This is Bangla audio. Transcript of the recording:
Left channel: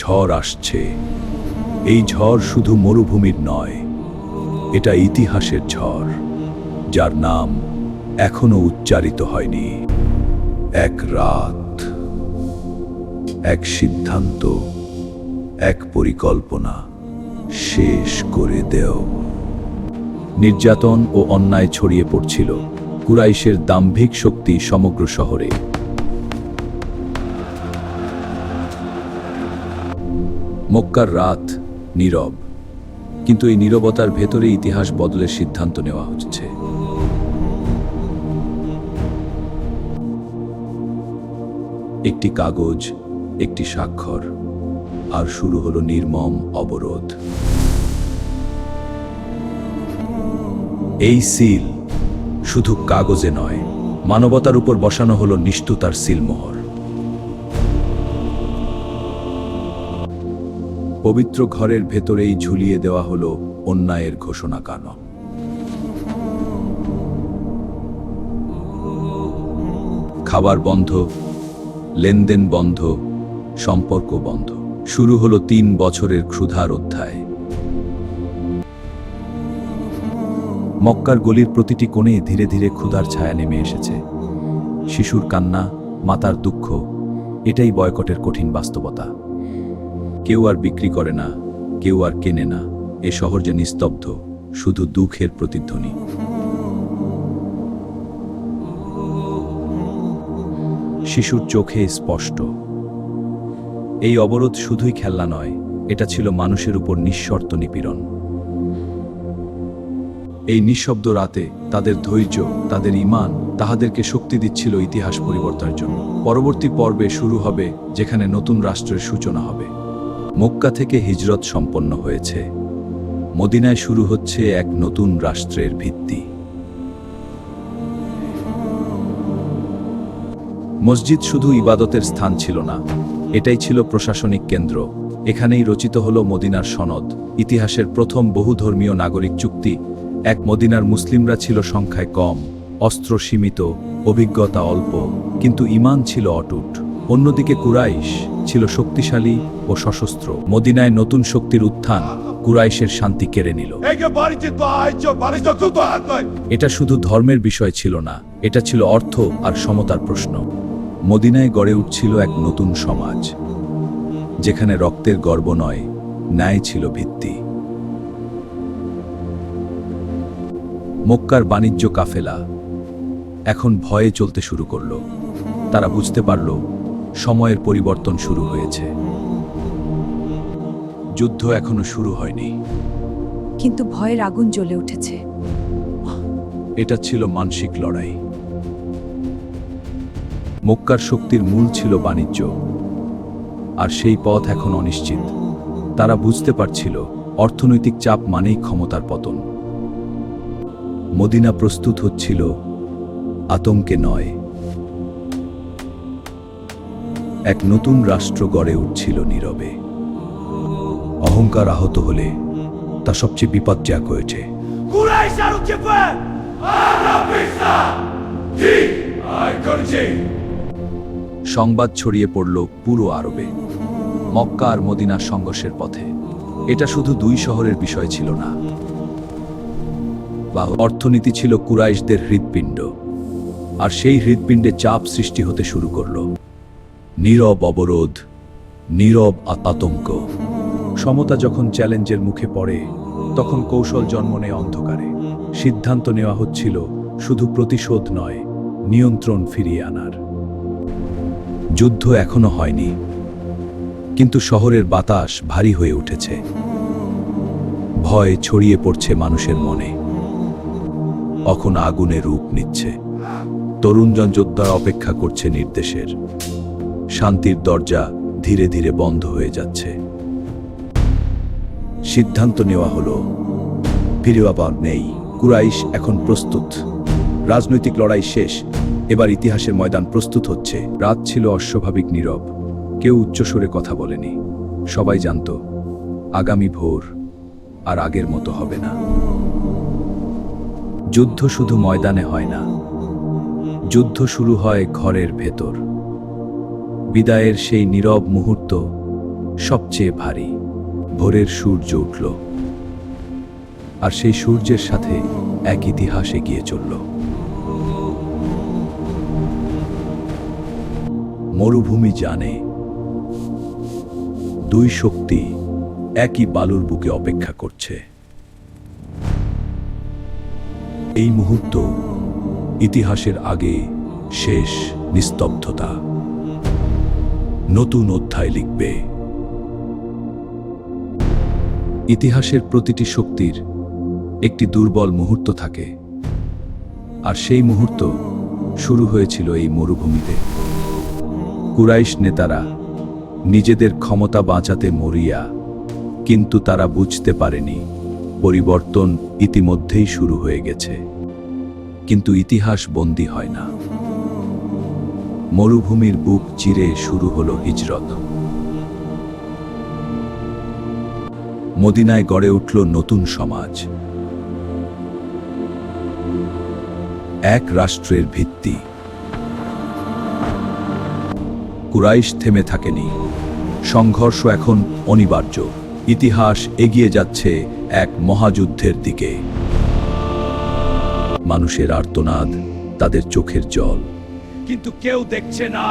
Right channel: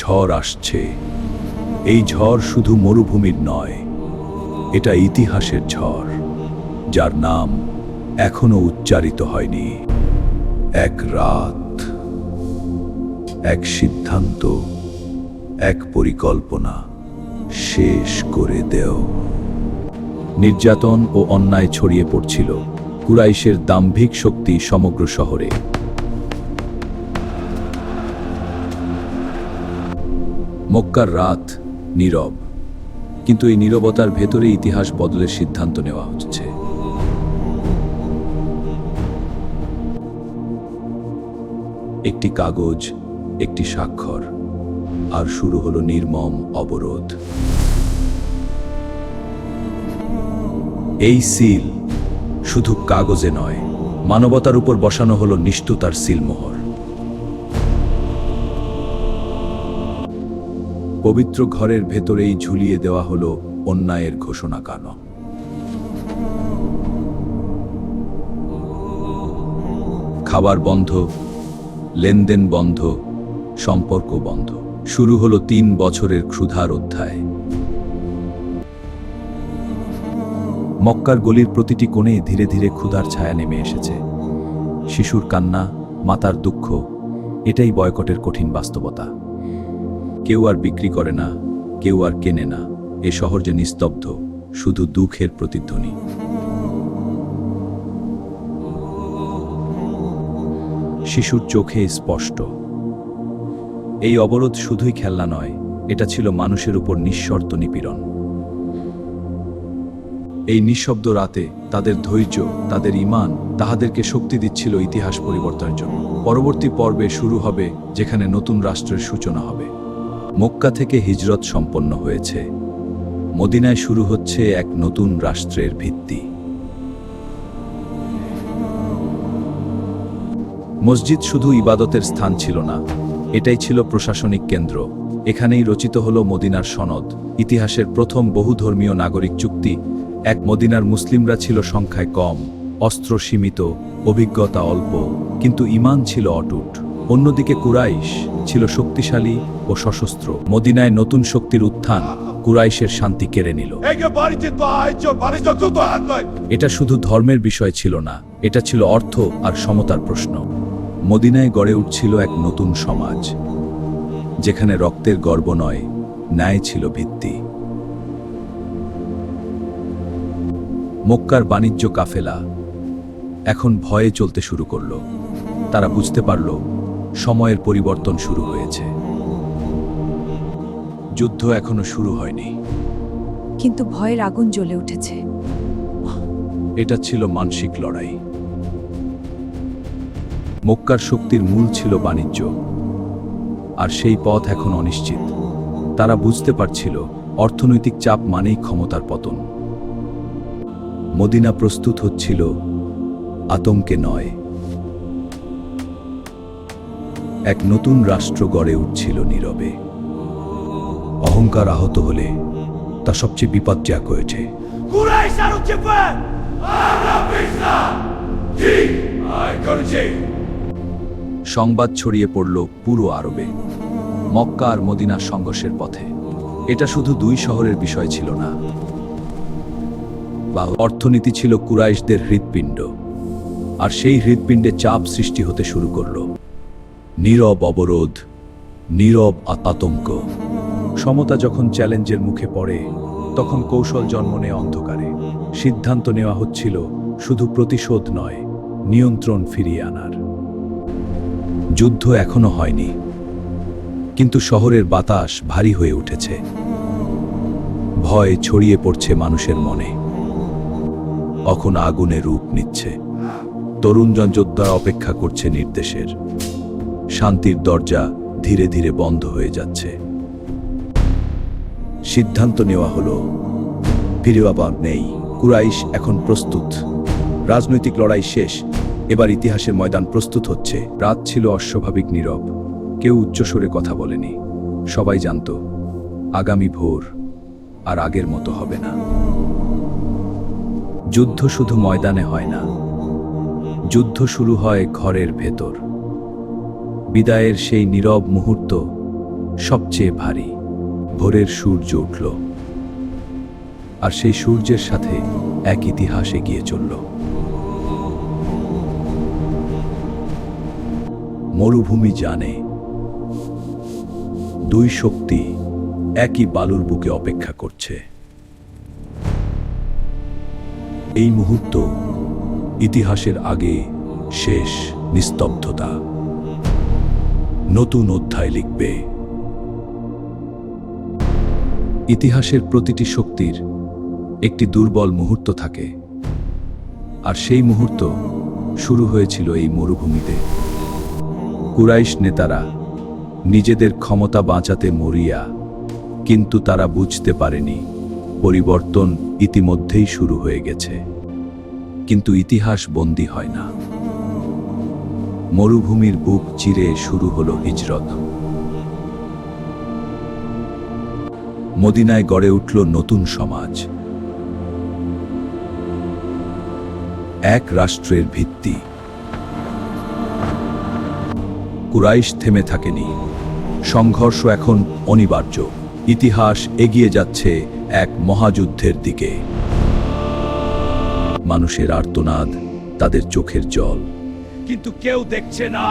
ঝড় আসছে। এই ঝড় শুধু মরুভূমির নয়, এটা ইতিহাসের ঝড়, যার নাম এখনো উচ্চারিত হয়নি। এক রাত, এক সিদ্ধান্ত, এক পরিকল্পনা শেষ করে দেও। নির্যাতন ও অন্যায় ছড়িয়ে পড়ছিল। কুরাইশের দাম্ভিক শক্তি সমগ্র শহরে। মক্কার রাত নীরব, কিন্তু এই নীরবতার ভেতরে ইতিহাস বদলের সিদ্ধান্ত নেওয়া হচ্ছে। একটি কাগজ, একটি স্বাক্ষর, আর শুরু হলো নির্মম অবরোধ। এই সিল শুধু কাগজে নয়, মানবতার উপর বসানো হলো নিষ্ঠুরতার সিলমোহর। পবিত্র ঘরের ভেতরেই ঝুলিয়ে দেওয়া হলো অন্যায়ের ঘোষণা কানন। খাবার বন্ধ, লেনদেন বন্ধ, সম্পর্ক বন্ধ। শুরু হলো 3 বছরের ক্ষুধার অধ্যায়। মক্কার গলির প্রতিটি কোণে ধীরে ধীরে ক্ষুধার ছায়া নেমে এসেছে। শিশুর কান্না, মাতার দুঃখ, এটাই বয়কটের কঠিন বাস্তবতা। কেউ আর বিক্রি করে না, কেউ আর কেনে না। এ শহর যে নিস্তব্ধ, শুধু দুঃখের প্রতিধ্বনি। শিশুর চোখে স্পষ্ট। এই অবরোধ শুধুই খেলনা নয়, এটা ছিল মানুষের উপর নিঃশর্ত নিপীড়ন। এই নিঃশব্দ রাতে তাদের ধৈর্য, তাদের ঈমান তাহাদেরকে শক্তি দিচ্ছিল ইতিহাস পরিবর্তনের জন্য। পরবর্তী পর্বে শুরু হবে যেখানে নতুন রাষ্ট্রের সূচনা হবে। মক্কা থেকে হিজরত সম্পন্ন হয়েছে, মদিনায় শুরু হচ্ছে এক নতুন রাষ্ট্রের ভিত্তি। মসজিদ শুধু ইবাদতের স্থান ছিল না, এটাই ছিল প্রশাসনিক কেন্দ্র। এখানেই রচিত হলো মদিনার সনদ, ইতিহাসের প্রথম বহুধর্মীয় নাগরিক চুক্তি। এক মদিনার মুসলিমরা ছিল সংখ্যায় কম, অস্ত্র সীমিত, অভিজ্ঞতা অল্প, কিন্তু ঈমান ছিল অটুট। অন্যদিকে কুরাইশ ছিল শক্তিশালী ও সশস্ত্র। মদিনায় নতুন শক্তির উত্থান কুরাইশের শান্তি কেড়ে নিল। এটা শুধু ধর্মের বিষয় ছিল না, এটা ছিল অর্থ আর সমতার প্রশ্ন। মদিনায় গড়ে উঠছিল এক নতুন সমাজ, যেখানে রক্তের গর্ব নয়, ন্যায় ছিল ভিত্তি। মক্কার বাণিজ্য কাফেলা এখন ভয়ে চলতে শুরু করল। তারা বুঝতে পারল সময়ের পরিবর্তন শুরু হয়েছে। যুদ্ধ এখনো শুরু হয়নি, কিন্তু ভয়ের আগুন জ্বলে উঠেছে। এটা ছিল মানসিক লড়াই। মক্কার শক্তির মূল ছিল বাণিজ্য, আর সেই পথ এখন অনিশ্চিত। তারা বুঝতে পারছিল অর্থনৈতিক চাপ মানেই ক্ষমতার পতন। মদিনা প্রস্তুত হচ্ছিল আতঙ্কে নয়, এক নতুন রাষ্ট্র গড়ে উঠছিল নীরবে। অহংকার আহত হলে তা সবচেয়ে বিপজ্জনক হয়েছে। সংবাদ ছড়িয়ে পড়ল পুরো আরবে, মক্কা আর মদিনার সংঘর্ষের পথে। এটা শুধু 2 শহরের বিষয় ছিল না, বা অর্থনীতি ছিল কুরাইশদের হৃৎপিণ্ড, আর সেই হৃৎপিণ্ডে চাপ সৃষ্টি হতে শুরু করল। নীরব অবরোধ, নীরব আতঙ্ক। সমতা যখন চ্যালেঞ্জের মুখে পড়ে, তখন কৌশল জন্ম নেয় অন্ধকারে। সিদ্ধান্ত নেওয়া হচ্ছিল শুধু প্রতিশোধ নয়, নিয়ন্ত্রণ ফিরিয়ে আনার। যুদ্ধ এখনো হয়নি, কিন্তু শহরের বাতাস ভারী হয়ে উঠেছে। ভয় ছড়িয়ে পড়ছে মানুষের মনে। এখন আগুনে রূপ নিচ্ছে। তরুণজন যোদ্ধারা অপেক্ষা করছে নির্দেশের। শান্তির দরজা ধীরে ধীরে বন্ধ হয়ে যাচ্ছে। সিদ্ধান্ত নেওয়া হলো, ফিরে আবার নেই। কুরাইশ এখন প্রস্তুত। রাজনৈতিক লড়াই শেষ, এবার ইতিহাসের ময়দান প্রস্তুত হচ্ছে। রাত ছিল অস্বাভাবিক নীরব। কেউ উচ্চস্বরে কথা বলেনি। সবাই জানত আগামী ভোর আর আগের মতো হবে না। যুদ্ধ শুধু ময়দানে হয় না, যুদ্ধ শুরু হয় ঘরের ভেতর। বিদায়ের সেই নীরব মুহূর্ত সবচেয়ে ভারী। ভোরের সূর্য উঠল, আর সেই সূর্যের সাথে এক ইতিহাস এগিয়ে চলল। মরুভূমি জানে, দুই শক্তি একই বালুর বুকে অপেক্ষা করছে। এই মুহূর্ত ইতিহাসের আগে শেষ নিস্তব্ধতা। নতুন অধ্যায় লিখবে। ইতিহাসের প্রতিটি শক্তির একটি দুর্বল মুহূর্ত থাকে, আর সেই মুহূর্ত শুরু হয়েছিল এই মরুভূমিতে। কুরাইশ নেতারা নিজেদের ক্ষমতা বাঁচাতে মরিয়া, কিন্তু তারা বুঝতে পারেনি পরিবর্তন ইতিমধ্যেই শুরু হয়ে গেছে। কিন্তু ইতিহাস বন্দী হয় না। মরুভূমির বুক চিরে শুরু হলো হিজরত। মদিনায় গড়ে উঠল নতুন সমাজ, এক রাষ্ট্রের ভিত্তি। কুরাইশ থেমে থাকেনি, সংঘর্ষ এখন অনিবার্য। ইতিহাস এগিয়ে যাচ্ছে এক মহাযুদ্ধের দিকে। মানুষের আর্তনাদ, তাদের চোখের জল, কিন্তু কেউ দেখছে না।